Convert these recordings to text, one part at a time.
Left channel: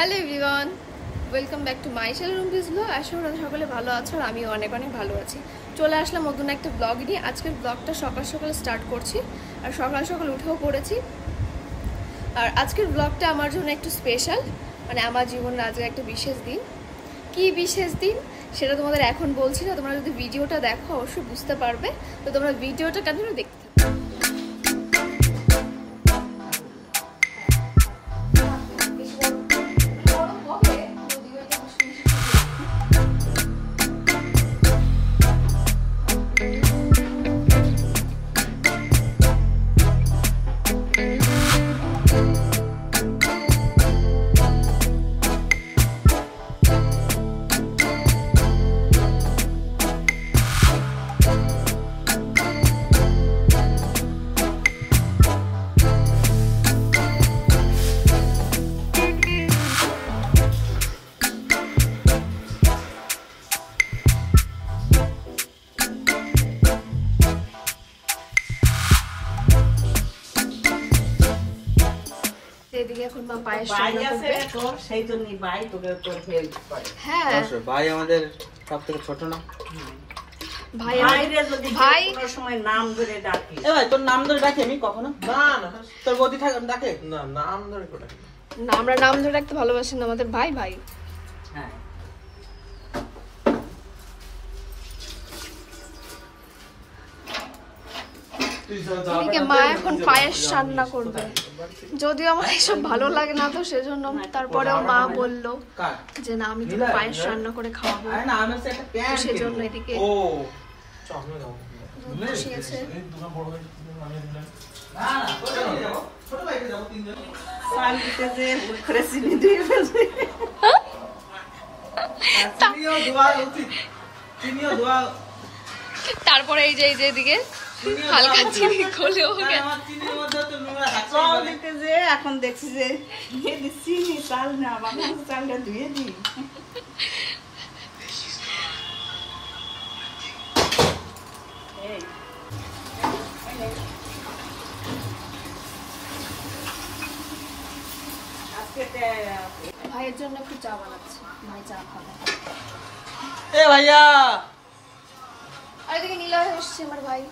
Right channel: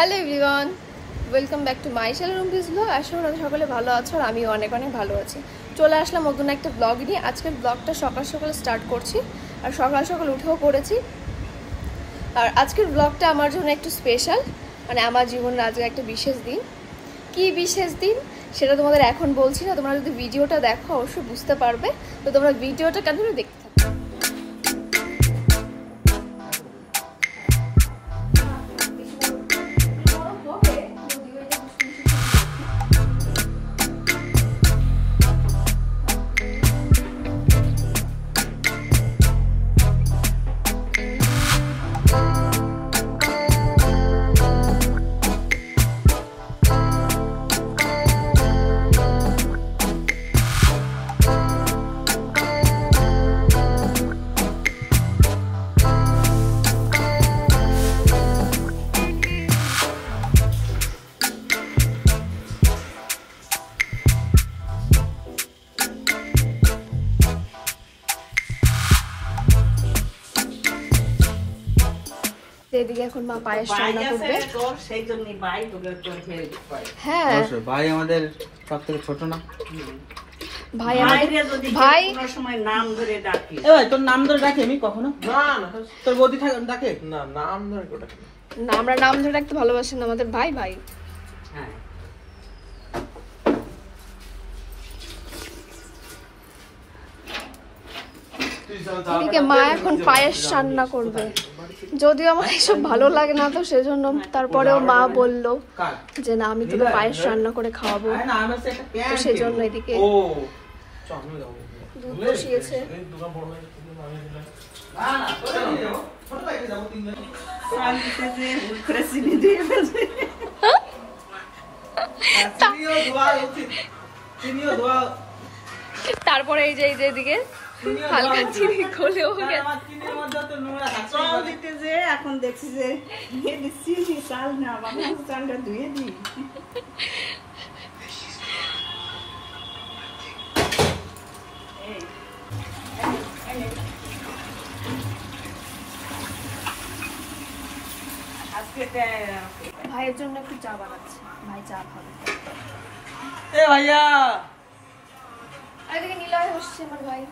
Hello everyone, welcome back to my channel Rumpi's blog. আশা করি সকলে ভালো আছো আর আমিও অনেক অনেক ভালো আছি। চলে আসলাম নতুন একটা ব্লগ নিয়ে। আজকের ব্লগটা সকাল সকাল স্টার্ট করছি আর সকাল সকাল উঠেও পড়েছি। আর আজকের ব্লগটা আমার জন্য একটু স্পেশাল, মানে আমার জীবনের আজকে একটা বিশেষ দিন। কি বিশেষ দিন সেটা তোমাদের এখন বলছি না, তোমরা যদি ভিডিওটা দেখো অবশ্যই বুঝতে পারবে। তো তোমরা ভিডিওটা কন্টিনিউ দেখতে থাকো। এদিকে এখন মা পায়েস রান্না করবে। সেই জন্যই ভাই তোকে হ্যাঁ ভাই আমাদের সব থেকে ছোট না ভাই, আমাদের ভাই সময় নাম ধরে ডাকি। তোর নাম ধরে ডাকি আমি কখনো? না না, তোর বৌদি ডাকে না, নাম ধরে ডাকি না, আমরা নাম ধরে রাখতে ভালোবাসি না, আমাদের ভাই ভাই। হ্যাঁ এদিকে মা এখন পায়েস রান্না করবে। যদিও আমার এসব ভালো লাগে না, তো সেজন্য তারপরেও মা বললো যে না, আমি তোকে পায়েস রান্না করে খাওয়াবো। তো সেজন্য এদিকে দুধ বসিয়েছে। তারপরে এই যে এদিকে হালকা চিনি গলেও যে এখন দেখছি যে চিনি চাল না, বাবা চালটা ধুয়ে দিই। ভাইয়ের জন্য একটু চা বানাচ্ছি, ভাই চা খাবে। এ ভাইয়া, আর এদিকে নীলা বসছে আমার ভাই।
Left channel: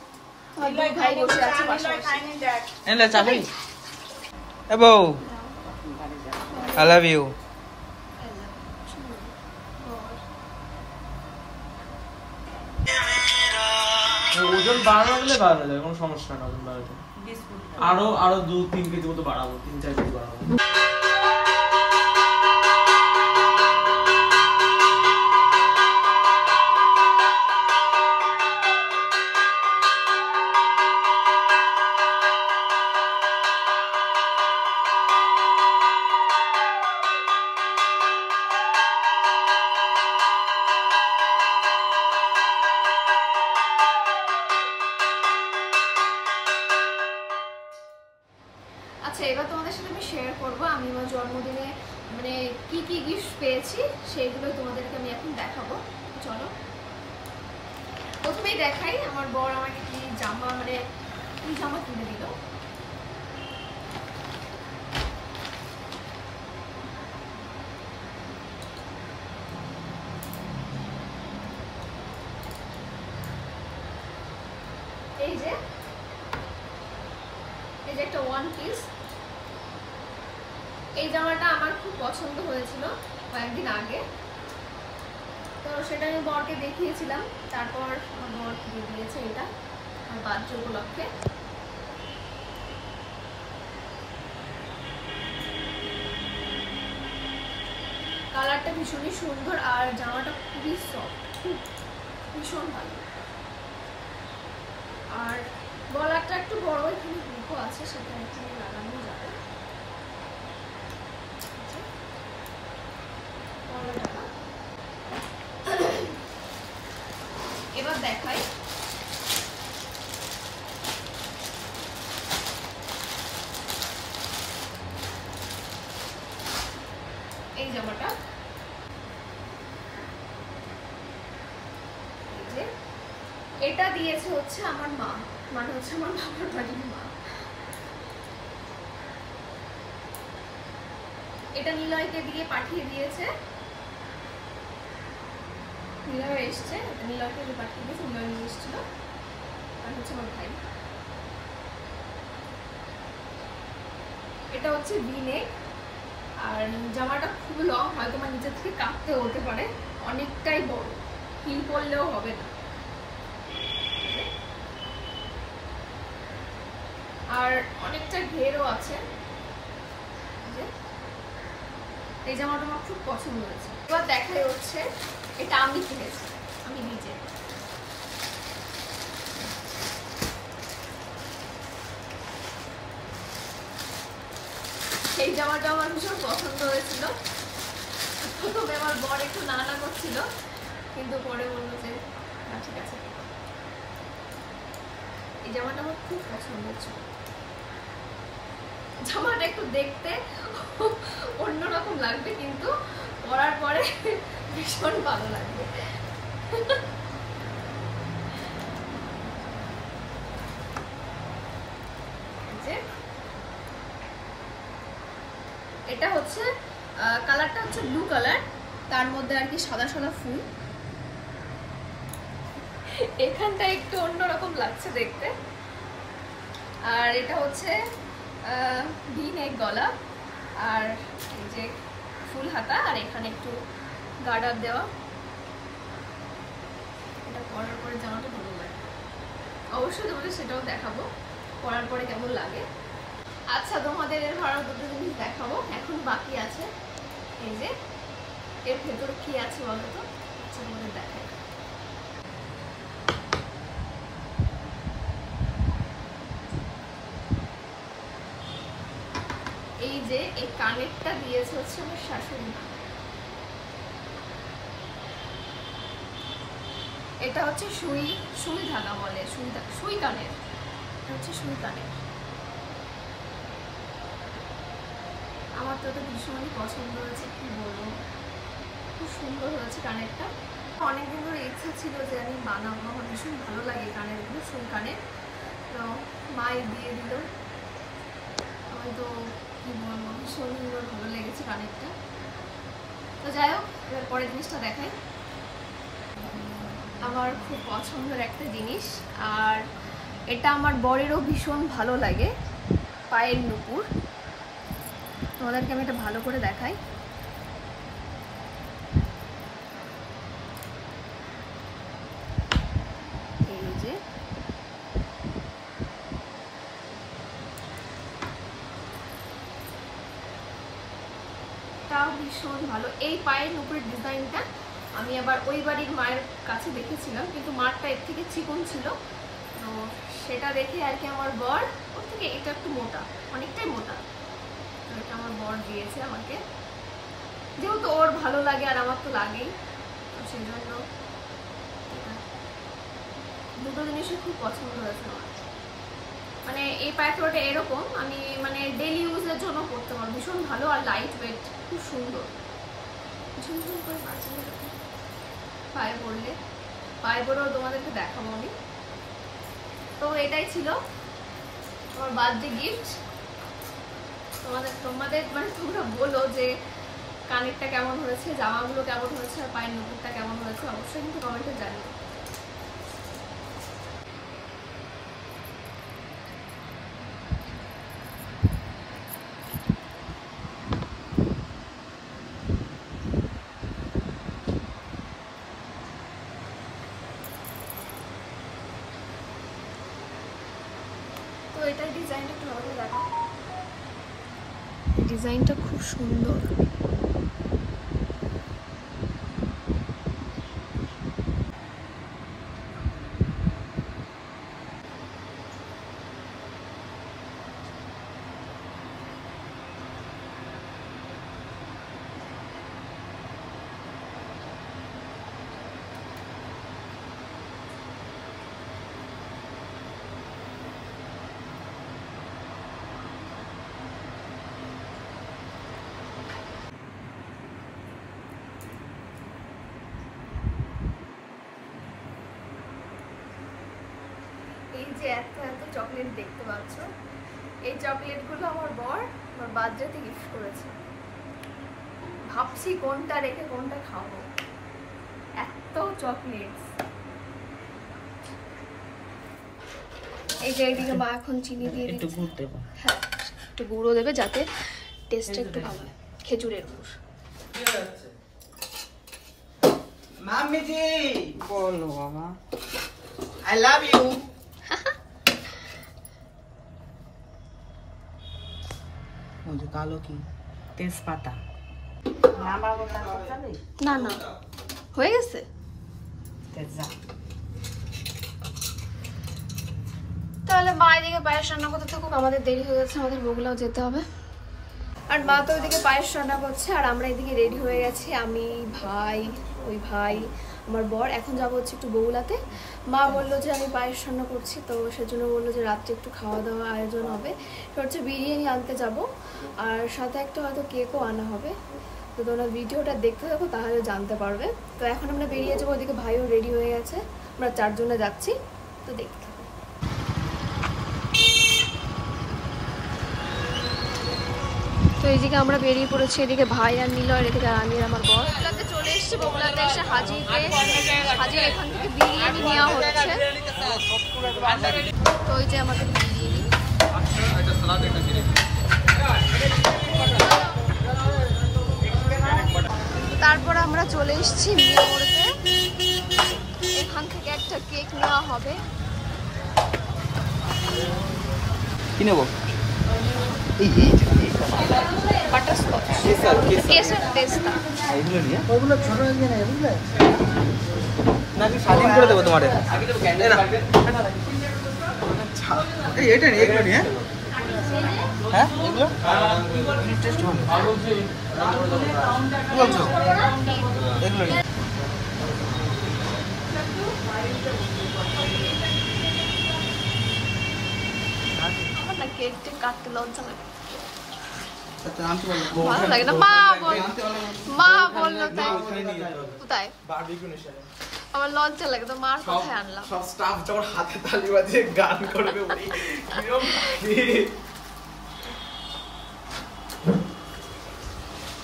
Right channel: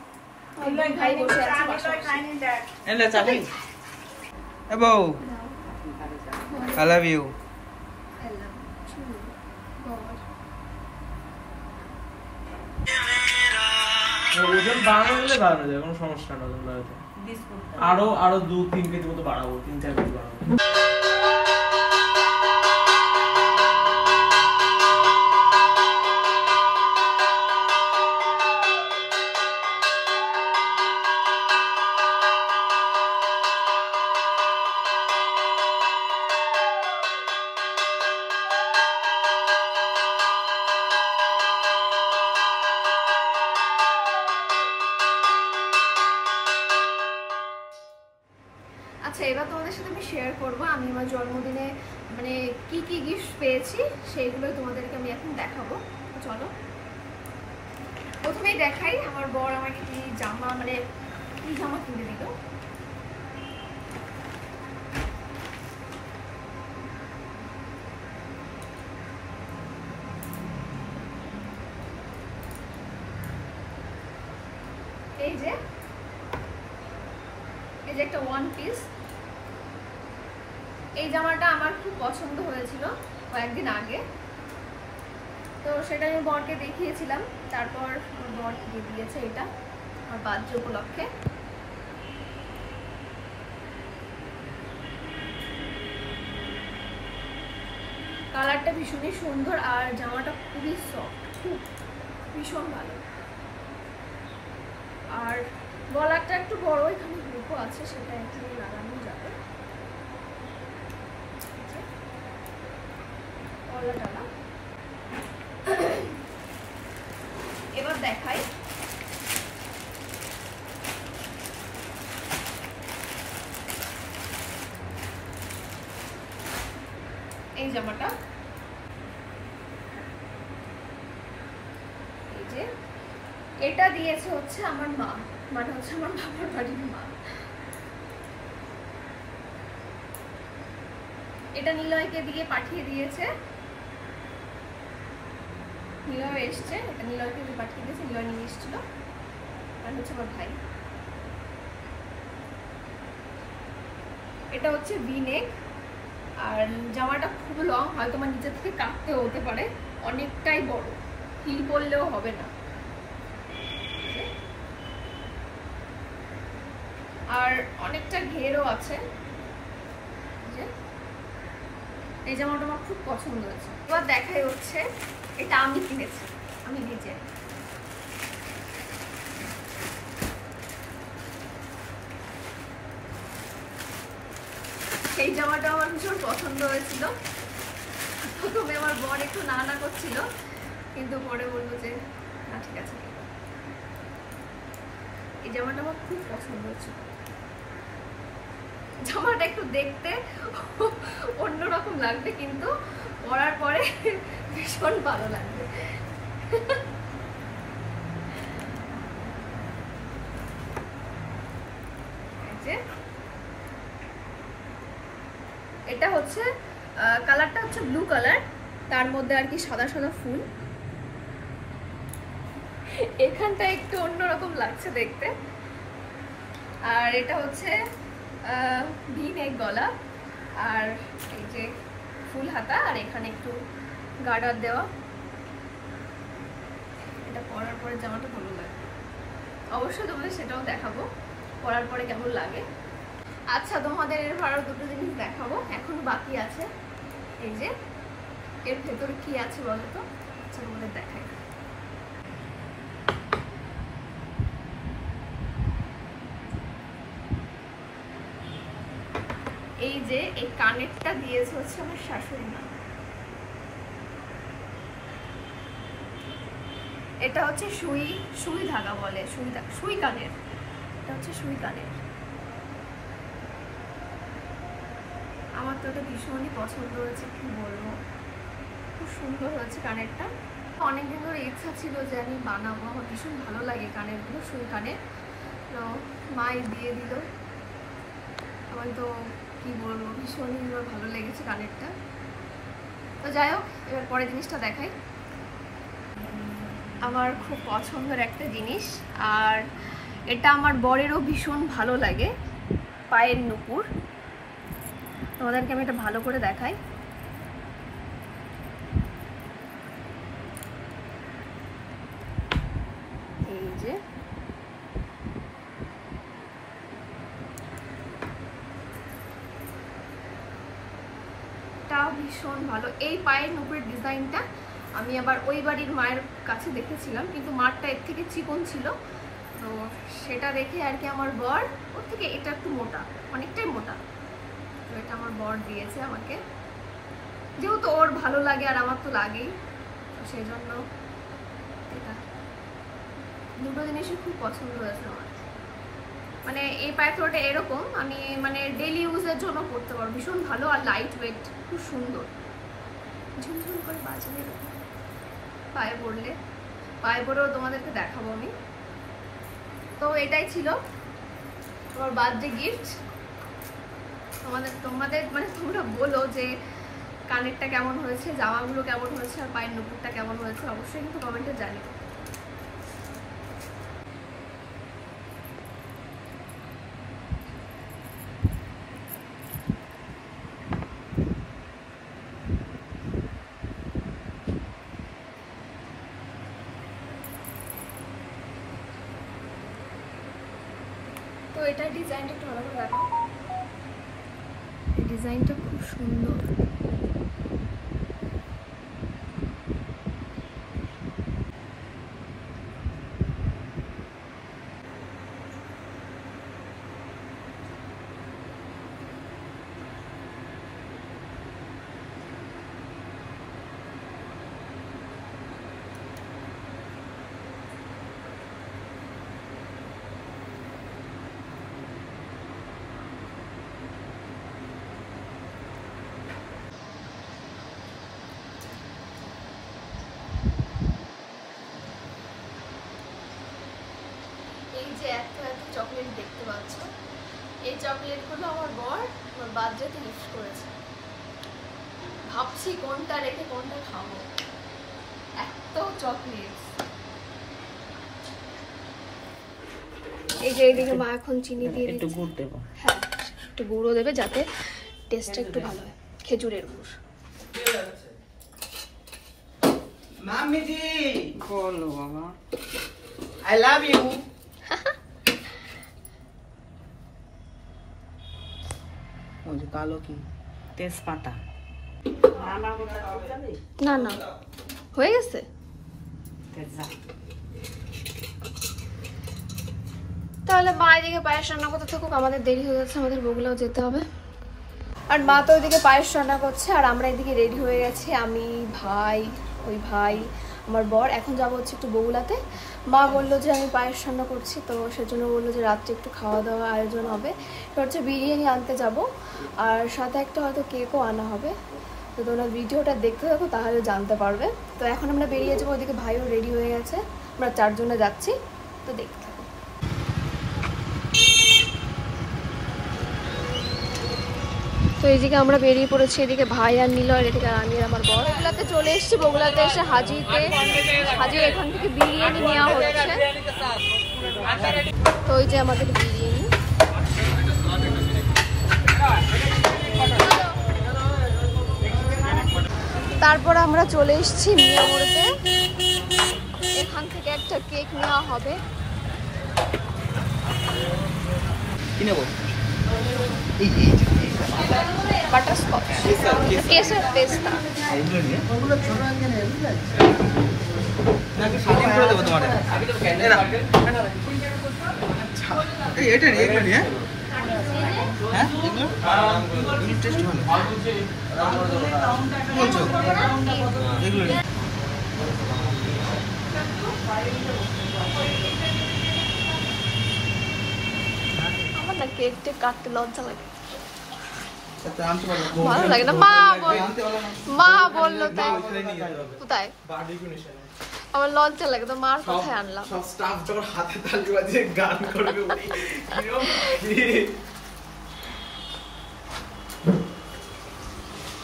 ভাই বসে আছে পাশাপাশি। এলে চা খাই। এ বউ, আই লাভ ইউ। ওজন বাড়ালে বাড়ানো যাবে, কোনো সমস্যা না। ওজন বাড়াতে আরো 2-3 কেজি মতো বাড়াবো, 3-4 কেজি বাড়াবো। আচ্ছা, এবার তোমাদের সাথে আমি শেয়ার করবো আমি আমার জন্মদিনে মানে কি কি গিফট পেয়েছি, সেইগুলো তোমাদেরকে আমি এখন দেখাবো। চলো প্রথমেই দেখাই আমার বর আমাকে কি জামা, মানে কি জামা কিনে দিল। এই যে একটা ওয়ান পিস। এই জামাটা আমার খুব পছন্দ হয়েছিল কয়েকদিন আগে, তো সেটা আমি বরকে দেখিয়েছিলাম। তারপর আমার বর দিয়ে দিয়েছে এটা আমার বার্থডে উপলক্ষে। কালারটা ভীষণই সুন্দর আর জামাটা খুবই সফট, খুব ভীষণ ভালো। আর গলাটা একটু বড়, এখানে হুকও আছে, সেটা এখানে লাগানো যাবে। গলাটা এবার দেখাই। এই জামাটা এই যে এটা দিয়েছে হচ্ছে আমার মা, মানে হচ্ছে আমার বাবার বাড়ির মা। এটা নিলয়কে দিয়ে পাঠিয়ে দিয়েছে, নিলয় এসছে, এটা নিলয়কে দিয়ে পাঠিয়ে দিয়েছে, নিলয় নিয়ে এসেছিল, আর হচ্ছে আমার ভাই। এটা হচ্ছে V-neck, আর জামাটা খুব লং, হয়তো আমার নিচে থেকে কাটতে হতে পারে, অনেকটাই বড়, হিল পরলেও হবে না। আর অনেকটা ঘেরও আছে। এই জামাটা আমার খুব পছন্দ হয়েছে। এবার দেখাই হচ্ছে, এটা আমি কিনেছি, আমি নিজে। সেই জামাটা আমার ভীষণ পছন্দ হয়েছিল। প্রথমে আমার বর একটু না করছিল, কিন্তু পরে বললো যে না ঠিক আছে। এই জামাটা আমার খুব পছন্দ হয়েছিল। জামাটা একটু দেখতে অন্যরকম লাগবে, কিন্তু পরার পরে ভীষণ ভালো লাগবে। এটা হচ্ছে কালারটা হচ্ছে ব্লু কালার, তার মধ্যে আর কি সাদা সাদা ফুল। এখানটা একটু অন্যরকম লাগছে দেখতে। আর এটা হচ্ছে V-neck গলা, আর এই যে ফুল হাতা, আর এখানে একটু গার্ডার দেওয়া। এটা পরার পরে জামাটা ভালো লাগে, অবশ্যই তোমাদের সেটাও দেখাবো পরার পরে কেমন লাগে। আচ্ছা, তোমাদের এর আরো দুটো জিনিস দেখাবো, এখন বাকি আছে। এই যে এর ভেতরে কি আছে বলো তো? আচ্ছা, তোমাদের দেখাই। এই যে এই কানেরটা দিয়েছে হচ্ছে আমার শাশুড়ি মা। এটা হচ্ছে সুই ধাগা বলে, সুই কানের। এটা হচ্ছে সুই কানের। আমার তো এটা ভীষণই পছন্দ হয়েছে, কি বলবো, খুব সুন্দর হয়েছে কানেরটা। অনেকদিন ধরে ইচ্ছা ছিল যে আমি বানাবো, আমার ভীষণ ভালো লাগে কানেরগুলো, সুই কানের। তো মাই দিয়ে দিল, আমার তো কি বলবো, ভীষণই ভালো লেগেছে কানেরটা। তো যাই হোক, এবার পরের জিনিসটা দেখাই। আমার খুব পছন্দের একটা জিনিস, আর এটা আমার বরেরও ভীষণ ভালো লাগে, পায়ের নুপুর। তোমাদেরকে আমি এটা ভালো করে দেখাই। এই যে এটা ভীষণ ভালো। এই পায়ের নুপুরের ডিজাইনটা আমি আবার ওই বাড়ির মায়ের কাছে দেখেছিলাম, কিন্তু মারটা এর থেকে চিকন ছিল, তো সেটা দেখে আর কি আমার বর, ওর থেকে এটা একটু মোটা, অনেকটাই মোটা, তো এটা আমার বর দিয়েছে আমাকে, যেহেতু ওর ভালো লাগে আর আমার তো লাগেই, তো সেই জন্য এটা দুটো জিনিসই খুব পছন্দ হয়েছে আমার। মানে এই পায়ফ্লোটা এরকম আমি মানে ডেলি ইউজের জন্য পরতে পারবো, ভীষণ ভালো আর লাইট ওয়েট, খুব সুন্দর, ঝুমঝুম করে বাজে এরকম পায়ে পড়লে, পায়ে পরেও তোমাদেরকে দেখাবো আমি। তো এটাই ছিল তোমার বার্থডে গিফট। তোমাদের মানে তোমরা বলো যে কানেরটা কেমন হয়েছে, জামাগুলো কেমন হয়েছে, আর পায়ের নুপুরটা কেমন হয়েছে, অবশ্যই কিন্তু কমেন্টে জানিও। তো এটার ডিজাইনটা একটু ভালো করে দেখো, ডিজাইনটা খুব সুন্দর। এই যে এত এত চকলেট দেখতে পাচ্ছ, এই চকলেটগুলো আমার বর আমার বার্থডেতে গিফট করেছে। ভাবছি কোনটা রেখে কোনটা খাবো, এত চকলেট। এই যে এইদিকে মা এখন চিনি দিয়ে দিচ্ছে, হ্যাঁ একটু গুঁড়ো দেবে যাতে টেস্টটা একটু ভালো হয়, খেজুরের গুড়। মাম্মি জি বলো বাবা, আই লাভ ইউ। ওই যে কালো কি তেজপাতা, না না হয়ে গেছে। তাহলে মা এদিকে পায়েস রান্না করতে থাকুক, আমাদের দেরি হয়ে যাচ্ছে, আমাদের বগুলাও যেতে হবে। আর মা তো ওইদিকে পায়েস রান্না করছে আর আমরা এদিকে রেডি হয়ে গেছি, আমি ভাই, ওই ভাই, আমার বর। এখন যাবো হচ্ছে একটু বগুলাতে। মা বললো যে আমি পায়েস রান্না করছি, তো সেজন্য বললো যে রাত্রে একটু খাওয়া দাওয়া আয়োজন হবে। এটা হচ্ছে বিরিয়ানি আনতে যাব, আর সাথে একটা হয়তো কেকও আনা হবে। তো তোমরা ভিডিওটা দেখতে থাকো, তাহলে জানতে পারবে। তো এখন আমরা বেরিয়ে যাবো, ওইদিকে ভাইও রেডি হয়ে গেছে, আমরা 4 জনে যাচ্ছি, তো দেখতে থাকো। তো এইদিকে আমরা বেরিয়ে পড়েছি, এদিকে ভাই আর নিলয়, এদিকে আমি আর আমার বর। বগুলাতে চলে এসেছি, বগুলাতে এসে হাজির এখান থেকে বিরিয়ানি নেওয়া হচ্ছে। তো ওই যে আমাদের বিরিয়ানি, তারপর আমরা চলে এসেছি মিয়ামোড়তে, এখান থেকে একটা কেক নেওয়া হবে। কি নেব? বাটারস্কচ, কেসের পেস্তা। এগুলো নিয়ে ওগুলো ছোট নিয়ে না, বুঝলে? নাকি স্বাধীন করে দেব তোমারে? এই এটা নিয়ে, এগুলো নিয়ে, হ্যাঁ এগুলো টেস্ট হবে। কি বলছো? এগুলো নিয়ে আমার না কেকটা কাটতে লজ্জা লাগে, আচ্ছা আনতে পারবো, ভালো লাগে না। মা বললো তাই। কোথায়? আমার লজ্জা লাগে, তো মার কোথায় আনলাম। সব স্টাফ যখন হাতে তালি বাজিয়ে গান করবে,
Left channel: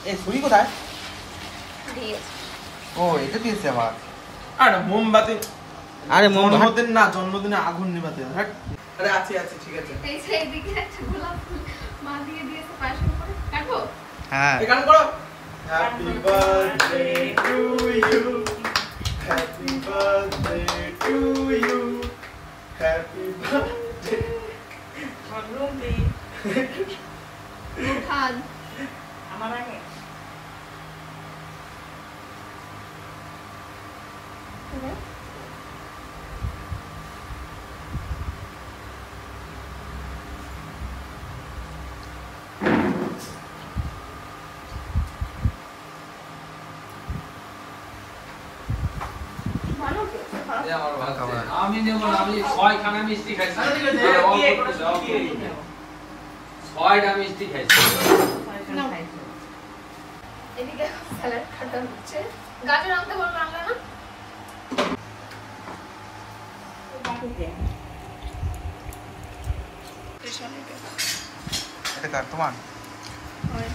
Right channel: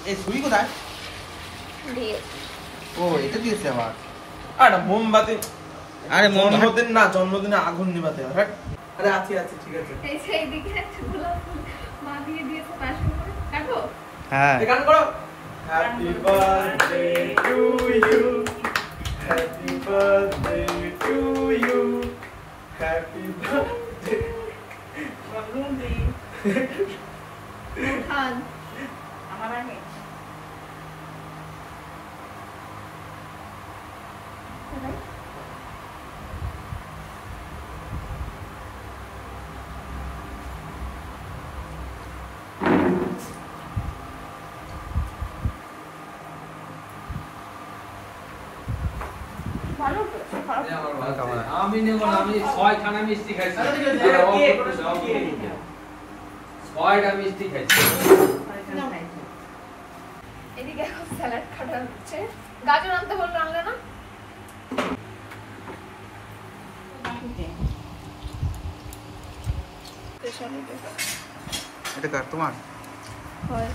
এই ছবি কোথায় দিয়েছে? ও এটা দিয়েছে আবার। আরে মোমবাতি, আরে জন্মদিন না, জন্মদিনে আগুন নিভাতে হয়। আরে আছে আছে, ঠিক আছে। এই যে এইদিকে একটা গোলাপ ফুল মা দিয়ে দিয়েছে পাশের উপরে, কাটবো? হ্যাঁ এই গান করো। Happy birthday to you, happy birthday to you, happy birthday. খান আমার আগে আমি নেব না, আমি 6খানা মিষ্টি খাইছি, 6টা মিষ্টি খাইছি। এদিকে এখন স্যালাড কাটা হচ্ছে, গাজর আনতে বললো, আনলে না? এটা কার তোমার? হয়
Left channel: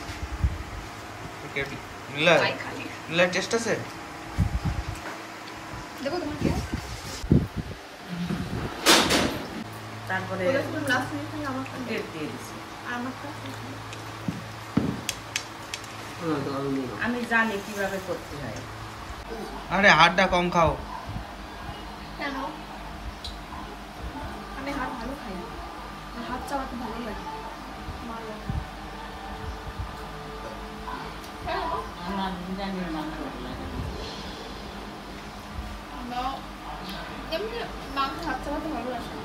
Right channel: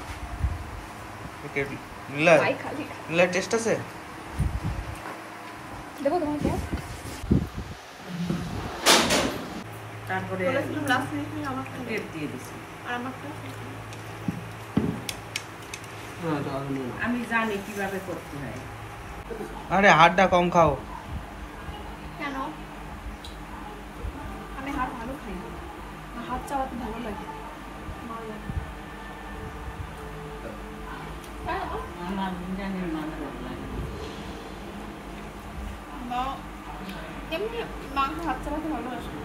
নীলা, ভাই খালি নীলা টেস্ট আছে? দেবো তোমার কি? তারপরে লাস্ট মিনিট আমারটা প্লেট দিয়ে দিছি। আর আমারটা আমি জানি কিভাবে করতে হয়। আরে হাড়টা কম খাও। কেন? আমি হাত ভালো খাই না, হাত চাওয়াতে ভালো লাগে, মার লাগে। হ্যাঁ আমার জানি মাংস লাগে না। এমনি মাংস হাত চাওয়াতে ভালোবাসে।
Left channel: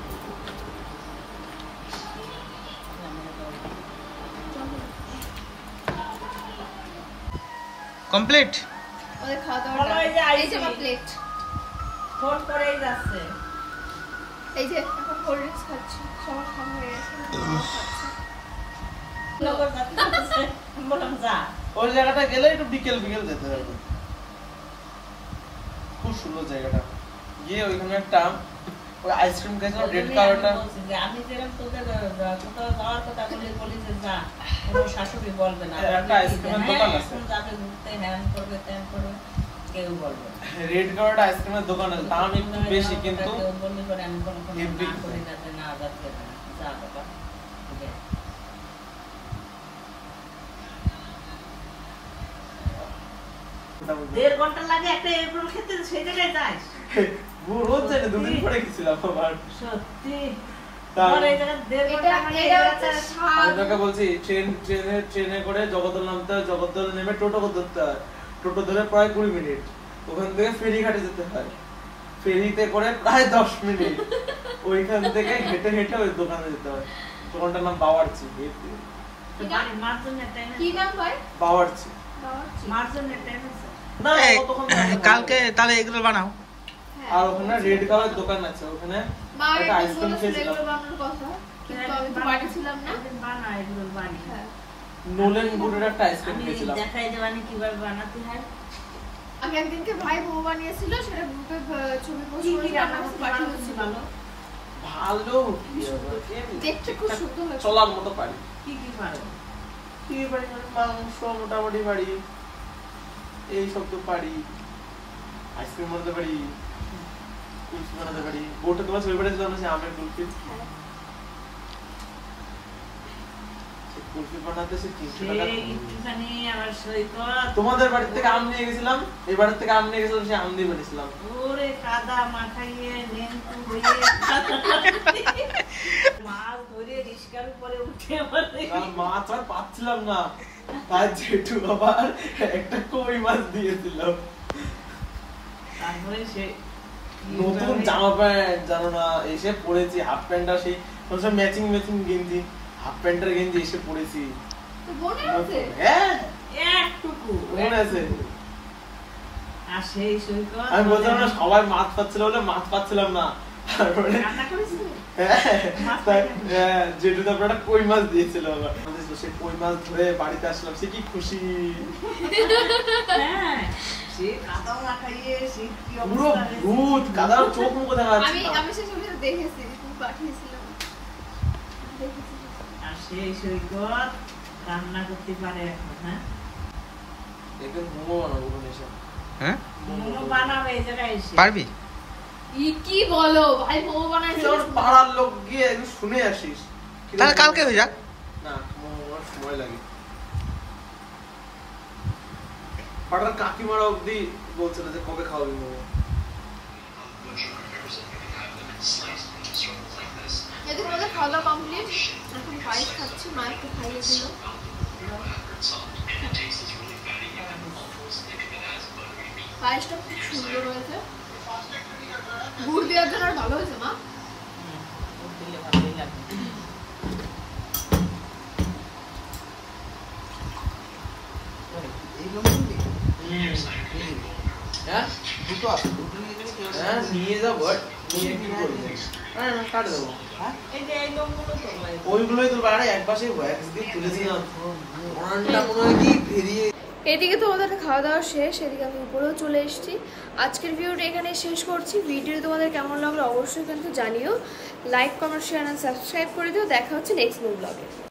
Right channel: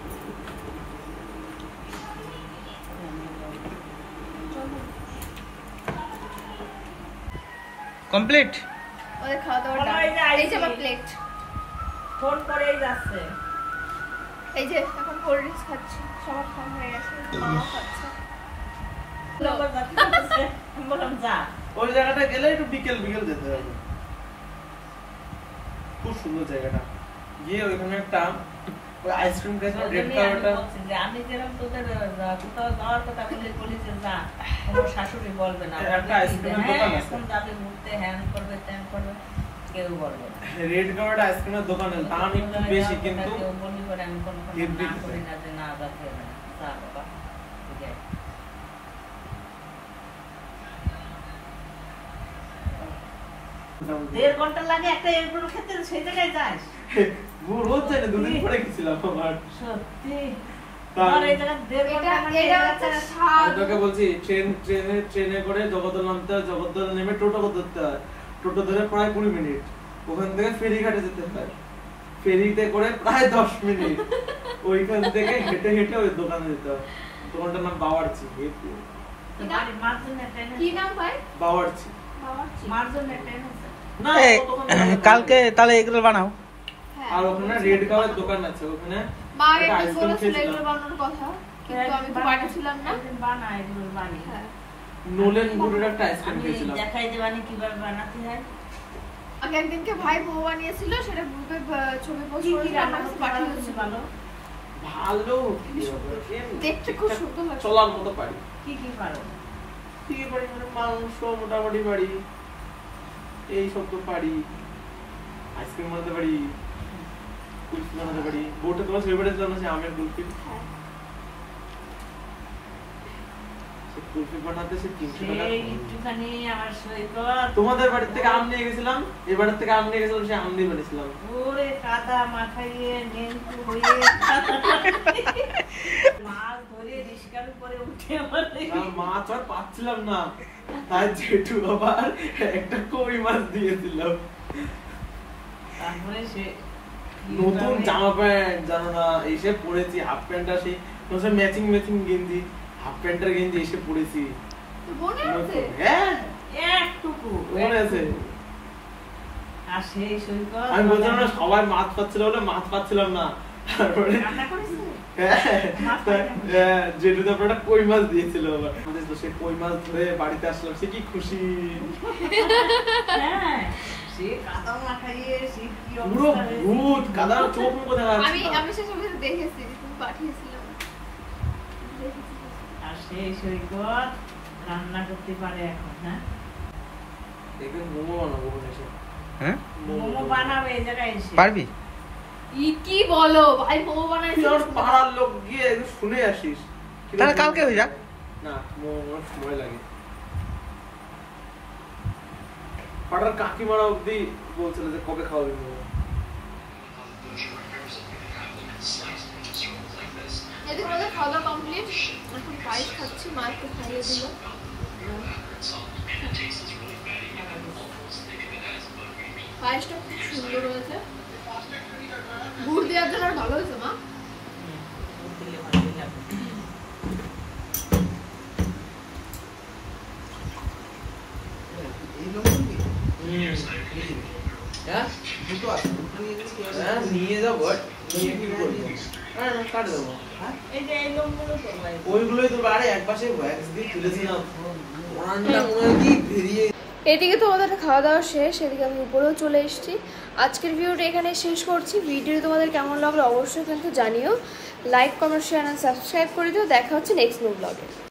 কমপ্লিট ওদের খাওয়া দাওয়া বলো, এই যে এই যে আইছি। আমার প্লেট, ফোন করেই যাচ্ছে। এই যে এখন কোল্ড ড্রিঙ্কস খাচ্ছি, সবার খাওয়া হয়ে গেছে, মাও খাচ্ছে। লোকের কাছে যাচ্ছে। আমি বললাম যা। ওই জায়গাটা গেলে একটু বিকেল বিকেল যেতে হবে, খুব সুন্দর জায়গাটা। গিয়ে ওইখানে একটা ওই আইসক্রিম খাইছিলাম রেড কালারটা। আমি যেরকম তোদের কোথাও যাওয়ার কথা বলি যে না তোমার শাশুড়ি বলবে না, একটা আইসক্রিমের দোকান আছে। এখন যাবে ঘুরতে, হ্যান করবে ত্যান করবে, কেউ বলবে না। রেড কালারটা আইসক্রিমের দোকান আছে, দাম একটু বেশি কিন্তু কেউ বললি করে আমি কোনো হেব্বি না করি না যে না যাচ্ছে না, যা বাবা ঠিক আছে। দেড় ঘন্টা লাগে একটা এগুলো খেতে, সেই জায়গায় যাস রোজ জানি, দুদিন পরে গেছিলাম আবার। সত্যি তার- আর এই জায়গায় দেড় ঘন্টা মানে এই এটা জায়গাটা হচ্ছে স্বাদ। আমি তোকে বলছি ট্রেনে করে জগদ্দল নামতে হয়, জগদ্দল নেমে টোটো ধরতে হয়, টোটো ধরে প্রায় 20 মিনিট, ওখান থেকে ফেরিঘাটে যেতে হয়, ফেরিতে করে প্রায় 10 মিনিট, ওইখান থেকে হেঁটে হেঁটে ওই দোকানে যেতে হয়। দোকানটার নাম বাওয়ার্চি। বাড়ি মার্জনের টাইমে, কি নাম ভাই? বাওয়ার্চি মার্জনের টাইমে না, এই, কতক্ষণ ধরে কালকে তাহলে এগুলো বানাও। আর ওখানে রেড কালার দোকান আছে, ওখানে মা একটা একটু আইসক্রিম বলেছিল খেয়েছিলাম। এগুলো বানানোর কথা, কিন্তু আমি তো বাড়ি ছিলাম না। বানায় এগুলো বানি, হ্যাঁ। নোলেন গুড়ের একটা আইসক্রিম আমি খেয়েছিলাম। দেখাই দেবানি কিভাবে বানাতে হয়। আমি একদিনকে ভাই বউ বানিয়েছিল, সেটা গ্রুপে ছবি পোস্ট কি কি করেছিল, রান্না আমার করতে পাঠিয়ে পারো দিয়েছিল। ভালো? ভালো দেখতে খুব সুন্দর লাগছে। চলার মতো পারি। কি কি পারো? কি পারি মানে মাংস মোটামুটি পারি, এই সব তো পারি, আইসক্রিম বানাতে পারি, কুলফি বানাতে পারি। বোটে তোমার ছবি পাঠিয়েছিলাম না, সে আমের কুলফি, হ্যাঁ। সে কুলফি বানাতে সে 300 টাকা। সেই একটুখানি আমার সৈকত, তোমাদের বাড়ি থেকে আম নিয়ে গেছিলাম, এই বাড়ির থেকে আম নিয়ে গেছিলাম, সে আম দিয়ে বানিয়েছিলাম। ওরে কাদা মাখাইয়ে নেংটু হয়ে মাছ ধরে রিস্কার উপরে উঠে আমার আর মাছ আর পাচ্ছিলাম না, তার জেঠু আবার একটা কই মাছ দিয়েছিল। তারপরে সে নতুন জামা প্যান্ট জানো না, এসে পড়েছি হাফ প্যান্টটা, সেই ম্যাচিং গেঞ্জি, হাফ প্যান্টের গেঞ্জি এসে পড়েছি। তো মনে আছে? হ্যাঁ একটুকু মনে আছে। আর সেই সৈকত আমি বলছিলাম না সবাই মাছ পাচ্ছিল বলে মাছ পাচ্ছিলাম না, তারপরে রান্না করেছিল। জেঠু তারপরে একটা কই মাছ দিয়েছিল আবার। সে কই মাছ ধরে বাড়িতে আসলাম, সে কি খুশি, হ্যাঁ সে কাদা মাখাইয়ে সে কি পুরো অবস্থা হয়েছে। ভূত, কাদার চোখ মুখে দেখা আমি যাচ্ছে না। আমি সে ছবিটা দেখেছি, তুমি পাঠিয়েছিলে। দেখেছি। আর সেই সৈকত রান্না করতে পারে এখন, হ্যাঁ দেখবে মোমো বানাবো ওখানে এসে। হ্যাঁ মোমো বানাবে এই জায়গায় এসে। পারবি? কি বলো ভাই, বউ তুই বানাইছিল। আমার পাড়ার লোক গিয়ে একটু শুনে আসিস। তাহলে কালকে হয়ে যাক। না, আমার সময় লাগে। পাড়ার কাকিমারা অব্দি বলছিল যে কবে খাওয়াবি মোমো। এদিকে আমাদের খাওয়া দাওয়া কমপ্লিট, এখন পায়েস খাচ্ছি, মা একটু খাইয়ে দিল। পায়েসটা খুব সুন্দর হয়েছে, গুড় দেওয়ার জন্য আর ভালো হয়েছে মা। দিলে ভালোই লাগবে। হ্যাঁ? হ্যাঁ, নিয়ে যাবো, নিয়ে কি করবো? হ্যাঁ, কাটে দেবো। এই যে এই লোকগুলো তো ভাই। ওইগুলোই তো আরে একপাশে একদিন তুলেছিলাম, ওরানটা মনে হয় কি বেরিয়ে। এদিকে তো ওদের খাওয়া দাওয়া শেষ, এদিকে আমি উপরেও চলে এসেছি। আজকের ভিডিওটা এখানে শেষ করছি। ভিডিও তোমাদের কেমন লাগলো অবশ্যই কিন্তু জানিও। Like comment share and subscribe করে দিও। দেখা হচ্ছে নেক্সট নিউ ব্লগে।